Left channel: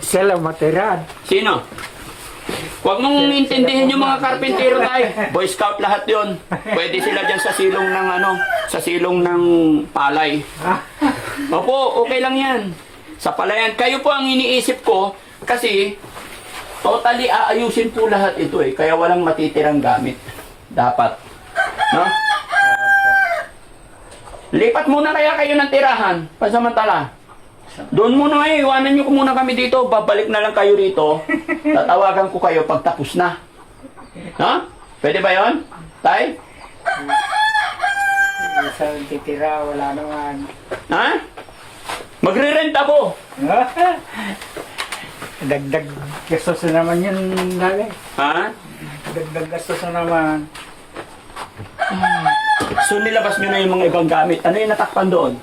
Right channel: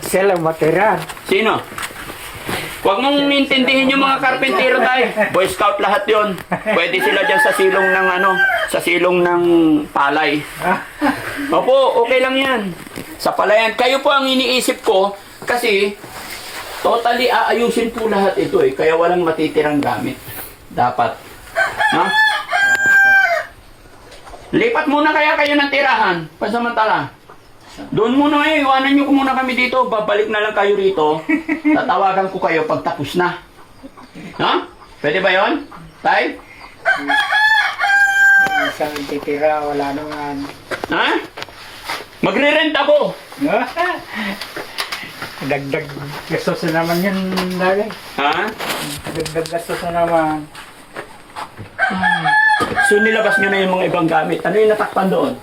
Sila matira. Sino? Huwag mong intindihin yung mga karpentero tayo. Boy Scout lahat yon. Pwede sila dyan sa silong ng sa silong ng palay. Opo, okay lang yan. Sa palayan. Kayo po ang iniisip ko kasi totally aayusin po lahat ito eh. Kaya walang matitirang gamit. Dapat. No? Lipat muna kaya kayo ng tirahan. Pasamantala. Doon muna eh, iwanan nyo ko muna kami dito. Babalik na lang kayo rito. Tatawagan ko kayo pag tapos na. Ha? Pwede ba yon? Tay? Isang titira, wala naman. Ha? Magre-rent ako. Dagdag gastos na naman yan, dali. Ha? Dagdag gastos na naman. So nilabas nyo na yung mga ibang gamit. Ano yung natakpan doon?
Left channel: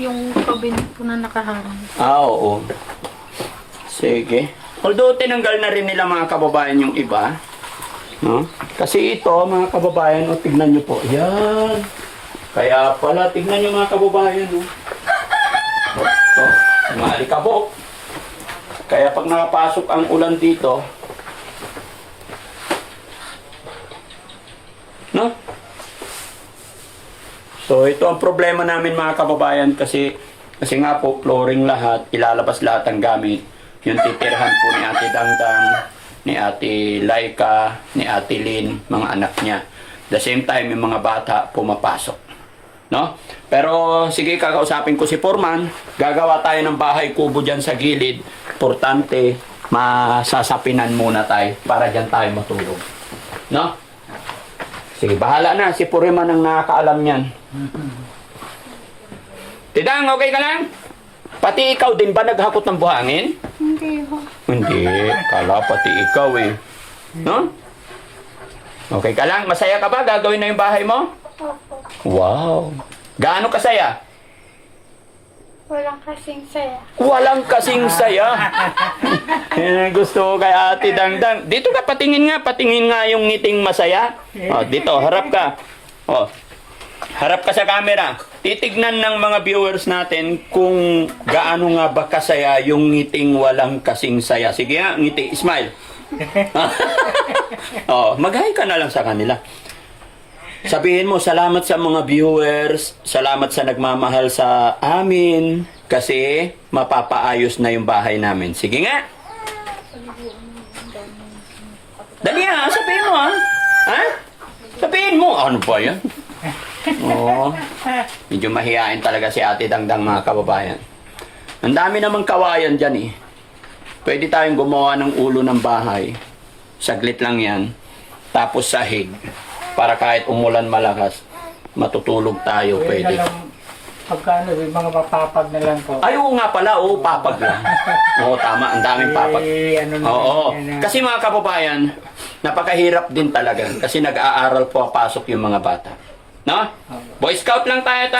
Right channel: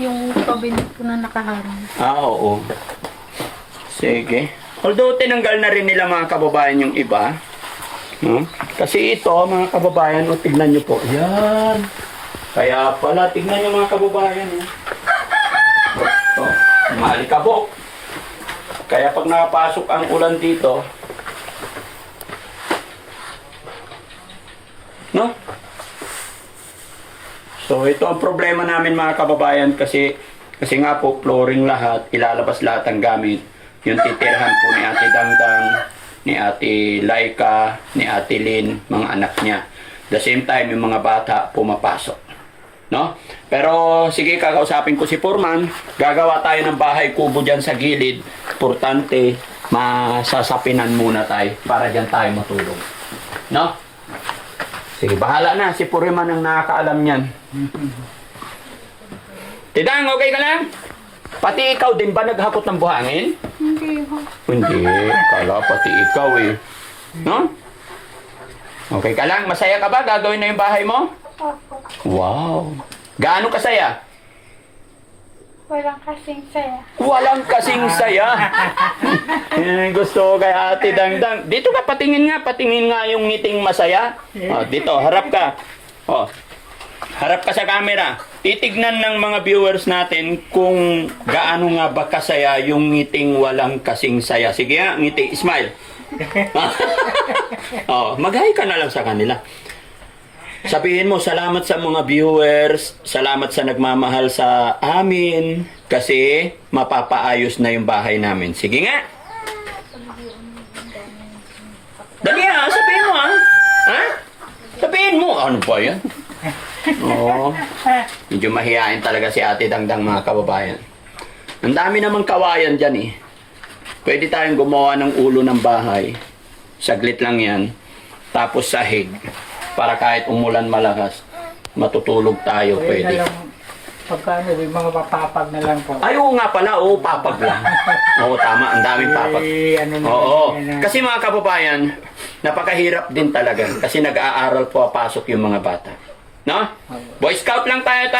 Yung cabinet ko na nakaharang. Oo. Sige. Although tinanggal na rin nila mga kababayan yung iba. No? Kasi ito mga kababayan, tignan nyo po. Yan. Kaya pala, tignan nyo mga kababayan. Ito, mga alikabok. Kaya pag nakapasok ang ulan dito, no? So ito ang problema namin mga kababayan kasi nga po flooring lahat, ilalabas lahat ang gamit. Yung titirhan po ni Ate Dangdang, ni Ate Laika, ni Ate Lynn, mga anak niya. The same time yung mga bata pumapasok. No? Pero sige, kakausapin ko si Foreman, gagawa tayo ng bahay kubo diyan sa gilid. Importante, masasapinan muna tayo para diyan tayo matulog. No? Sige, bahala na. Si Foreman ang nakakaalam niyan. Tidang, okay ka lang? Pati ikaw din ba naghakot ng buhangin? Hindi ho. Hindi. Kala pati ikaw eh. No? Okay ka lang? Masaya ka ba? Gagawin na yung bahay mo? Opo. Wow. Gaano kasaya? Walang kasing saya. Walang kasing saya. Yan ang gusto ko kay Ate Dangdang. Dito ka, patingin nga yung ngiting masaya. Oh, dito, harap ka. Oh. Harap ka sa camera. Titignan ng mga viewers natin kung gaano nga ba kasaya yung ngiting walang kasing saya. Sige nga, ngiti, smile. Oh, mag-hi ka na lang sa kanila. Sabihin mo, salamat sa mga viewers, salamat sa nagmamahal sa amin, kasi mapapaayos na yung bahay namin. Sige nga. Dali ha, sabihin mo ha. Ha? Sabihin mo. Ano ba yan? Oo. Medyo mahihain talaga si Ate Dangdang mga kababayan. Ang dami namang kawayan dyan eh. Pwede tayong gumawa ng ulo ng bahay. Saglit lang yan. Tapos sahig. Para kahit umulan malakas, matutulog tayo, pwede. Pagkano, yung mga papapag na lang po. Ay, oo nga pala, oo, papag lang. Oo, tama, ang daming papag. Oo, kasi mga kababayan, napakahirap din talaga. Kasi nag-aaral po, pasok yung mga bata. No? Boy Scout lang tayo.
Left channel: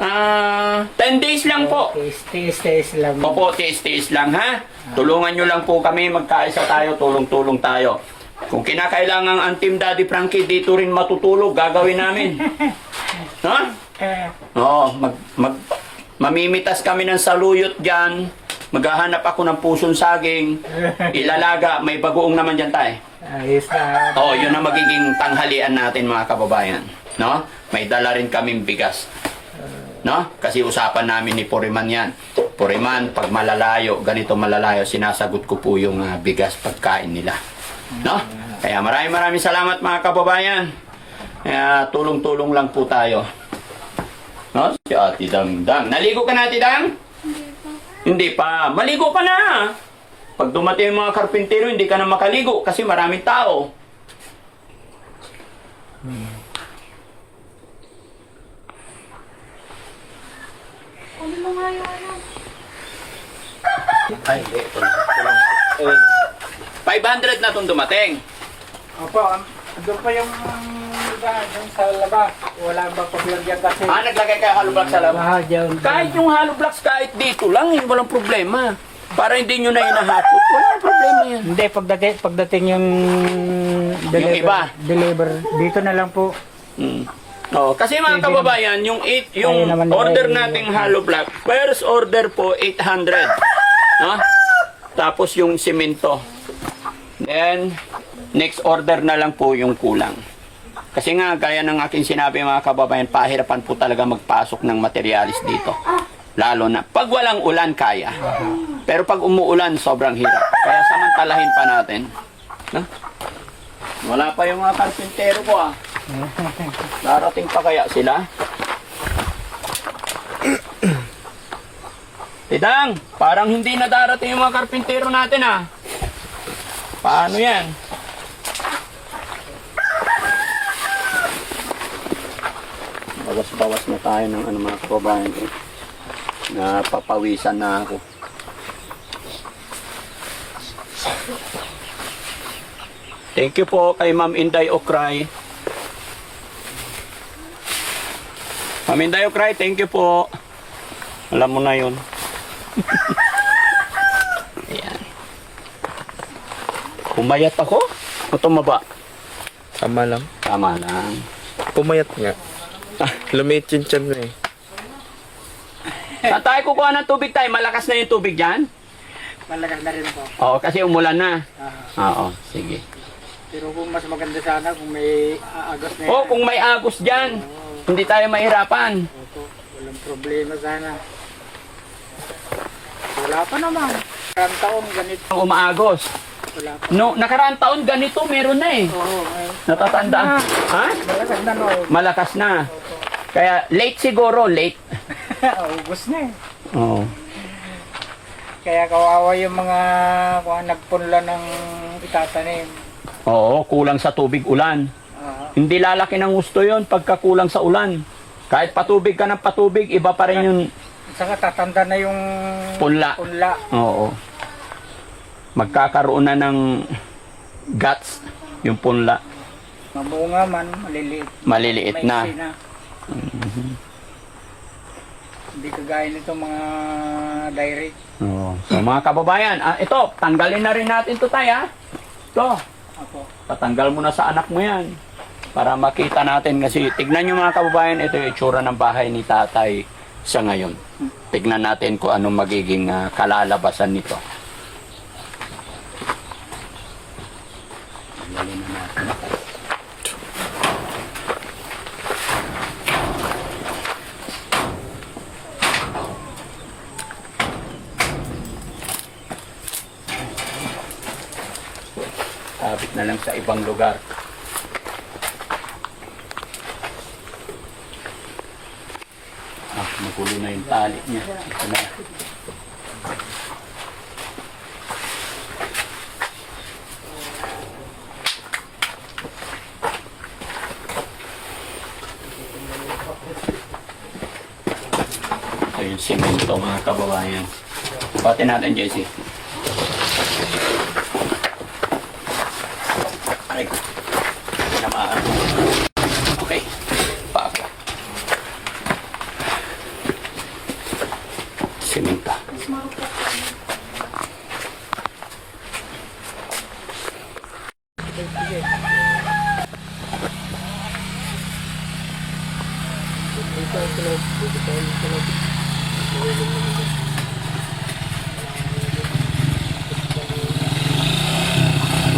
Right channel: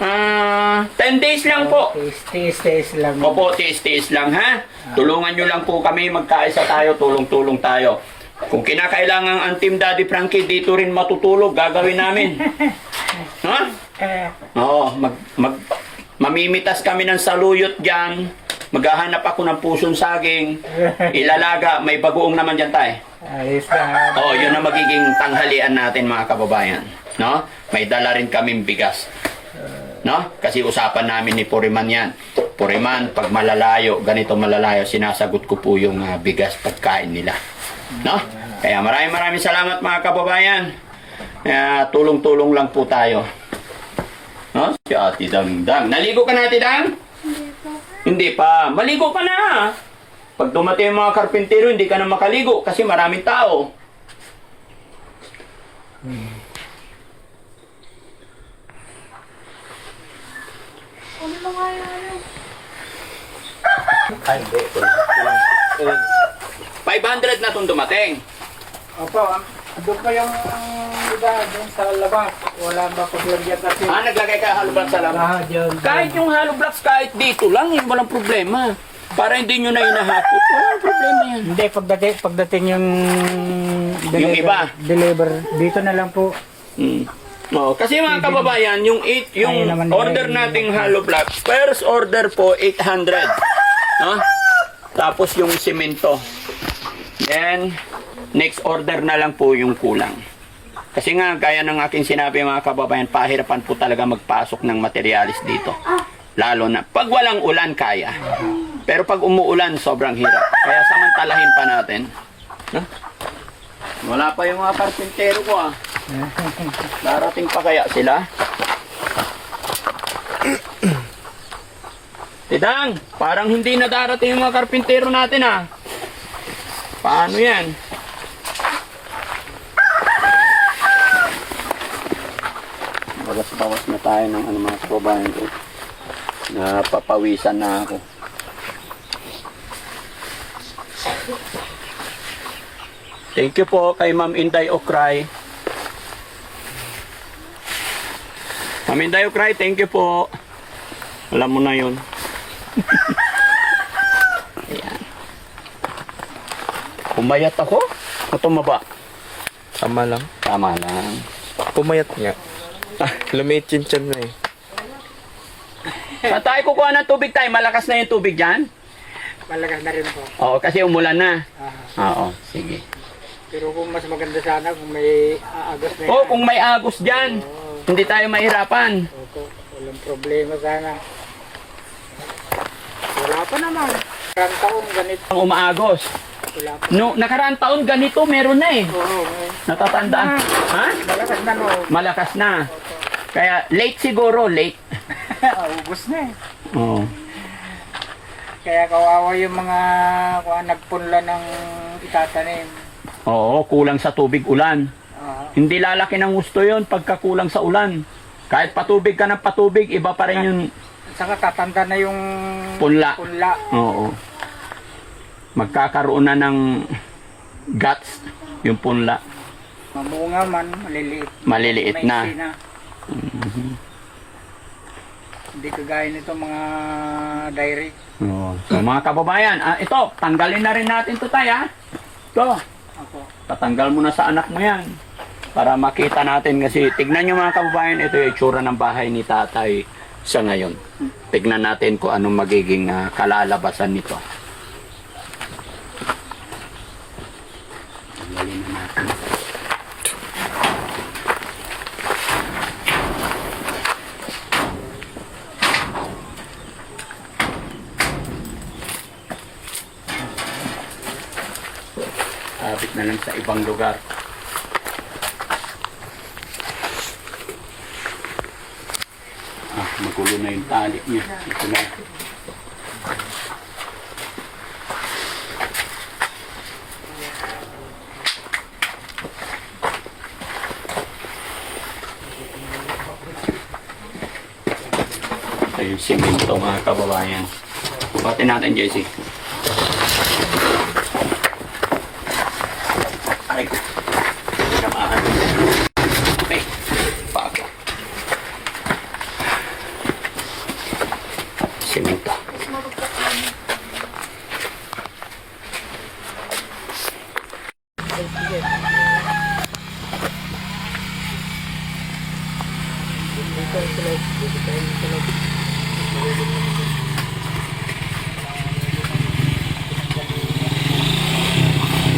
10 days lang po. Tiis lang. Opo, tiis lang ha. Tulungan nyo lang po kami, magkaisa tayo, tulong-tulong tayo. Kung kinakailangan ang Team Daddy Frankie dito rin matutulog, gagawin namin. Ha? Oo, mamimitas kami ng saluyot dyan. Maghahanap ako ng pusong saging. Ilalaga, may bagoong naman dyan tayo. Ayos na. Oo, yun ang magiging tanghalian natin mga kababayan. No? May dala rin kaming bigas. No? Kasi usapan namin ni Foreman yan. Foreman, pag malalayo, ganito malalayo, sinasagot ko po yung bigas pagkain nila. No? Kaya maraming salamat mga kababayan. Tulong-tulong lang po tayo. No? Si Ate Dangdang. Naligo ka na, Ate Dang? Hindi pa. Maligo ka na. Pag dumating yung mga karpintero, hindi ka na makaligo kasi maraming tao. Ano lang nga yun? Ay, hindi. 500 na itong dumating. Opo, doon pa yung iba, doon sa labas. Wala ba paglagyan kasi? Naglagay ka hollow blocks sa labas? Dyan. Kahit yung hollow blocks, kahit dito lang, walang problema. Para hindi nyo na inahakot, walang problema yan. Hindi, pagdating yung Yung iba? Deliver, dito na lang po. No, kasi mga kababayan, yung naman order eh, nating hollow blocks, first order po 800. No? Tapos yung simento. Then, next order na lang po yung kulang. Kasi nga, gaya ng aking sinabi mga kababayan, pahirapan po talaga magpasok ng materialis dito. Lalo na, pag walang ulan, kaya. Pero pag umuulan, sobrang hirap. Kaya samantalahin pa natin. No? Wala pa yung mga karpintero ko ah. Darating pa kaya sila? Tidang, parang hindi na darating yung mga karpintero natin ah. Paano yan? Bawas-bawas na tayo ng mga kababayan ko. Napapawisan na ako. Thank you po kay Ma'am Inday Okray. Ma'am Inday Okray, thank you po. Alam mo na yun. Ayan. Pumayat ako? O tumaba? Tama lang. Tama lang. Pumayat nga. Lumit yung tiyan na eh. Saan tayo kukuha ng tubig tayo? Malakas na yung tubig dyan? Malakas na rin po. Oo, kasi umulan na. Ah, Oo, sige. pero kung mas maganda sana kung may aagos na Oo, kung may agos dyan, hindi tayo mahirapan. Opo, walang problema sana. Wala pa naman. Karang taon ganito. Ang umaagos. Wala pa. No, nakaraang taon ganito, meron na eh. Oo, Natatandaan. Ha? malakas na no. Malakas na. Kaya late siguro, late. Ubus na eh. Oo. Kaya kawawa yung mga nagpunla ng itatanim. Oo, kulang sa tubig ulan. Ah, Hindi lalaki ng gusto yon pagka kulang sa ulan. Kahit patubig ka ng patubig, iba pa rin yung saka tatanda na yung punla. punla. Oo. Magkakaroon na ng guts yung punla. Mamunga man, maliliit. Maliliit May na. sina. Hindi kagaya nito mga direct. Oo. So mga kababayan, ito, tanggalin na rin natin to tayo ha. Ito, Ako. patanggal mo na sa anak mo yan. Para makita natin kasi tignan nyo mga kababayan, ito yung itsura ng bahay ni tatay sa ngayon. Tignan natin kung anong magiging kalalabasan nito. Tanggalin na natin. Sabit na lang sa ibang lugar. Magulo na yung tali niya. Ito na. Ito yung simento mga kababayan. Pati natin, Jesse. Aray ko. Hindi na maaari. Okay. Paga. Simento.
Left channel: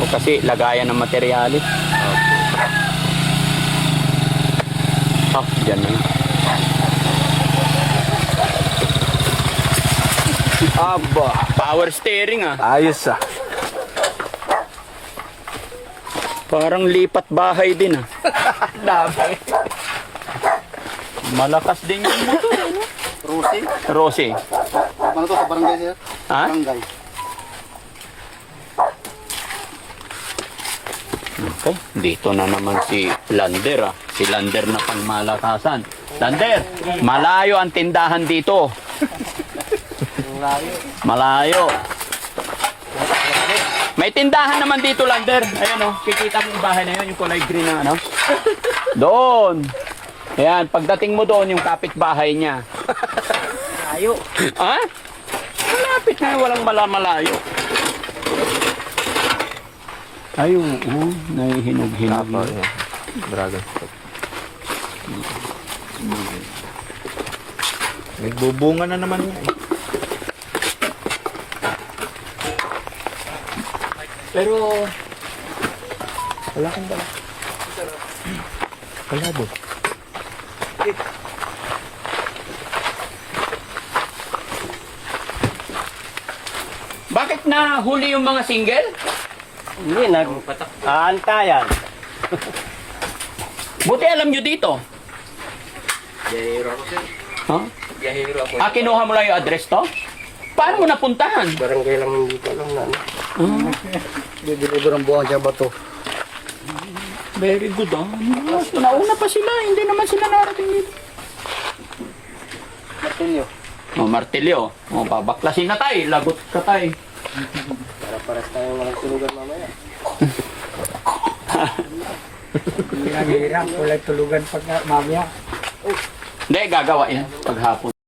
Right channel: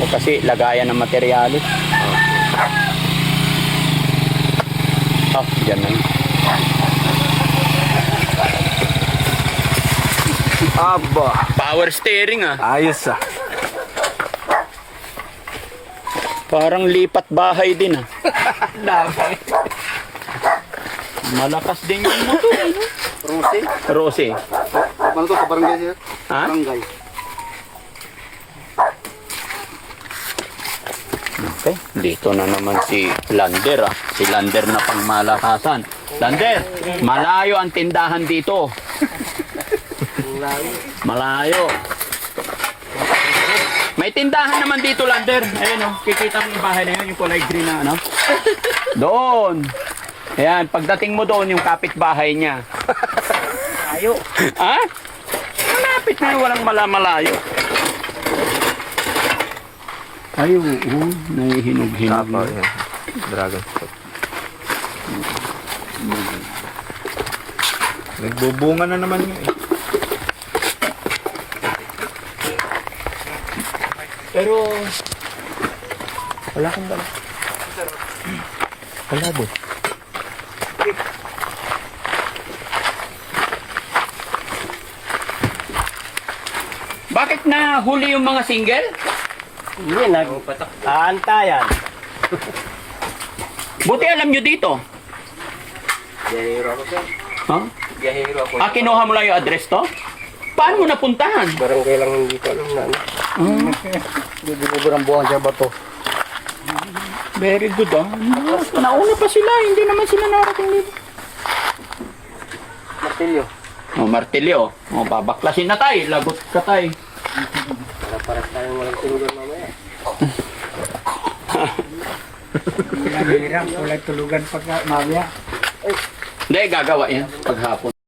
O kasi lagayan ng materyales. Oh, dyan na yun. Aba! Power steering ah. Ayos ah. Parang lipat bahay din ah. Dami. Malakas din yung motor. Ano? Rosy? Rosy. Ano to sa barangay sir? Ha? Barangay. Okay. Dito na naman si Lander ah. Si Lander na pang malakasan. Lander, malayo ang tindahan dito. Malayo. May tindahan naman dito, Lander. Ayun oh, kikita mo yung bahay na yun, yung kulay green na ano. Doon. Ayan, pagdating mo doon, yung kapitbahay niya. Ayo. Ha? Malapit na, walang malayo. Ay, oo, nahihinog-hinog. Tapa yan. Dragon fruit. Nagbubunga na naman yan. Pero, Wala kang bala. Wala din. bakit na huli yung mga single? Hindi, nag-aantayan. Buti alam nyo dito. Biyahero ako, sir. Ha? Biyahero ako. Kinuha mo lang yung address to? Paano mo napuntahan? Barangay lang hindi ko alam na. Hindi binubur ang buwan sa bato. Very good, ah. Nauna pa sila, hindi naman sila narating dito. Martilyo. Oh, martilyo. Oh, babaklasin na tayo. Lagot ka tayo. Para tayong walang tulugan mamaya. Hirap, walang tulugan pag mamaya. Hindi, gagawa yan paghapon.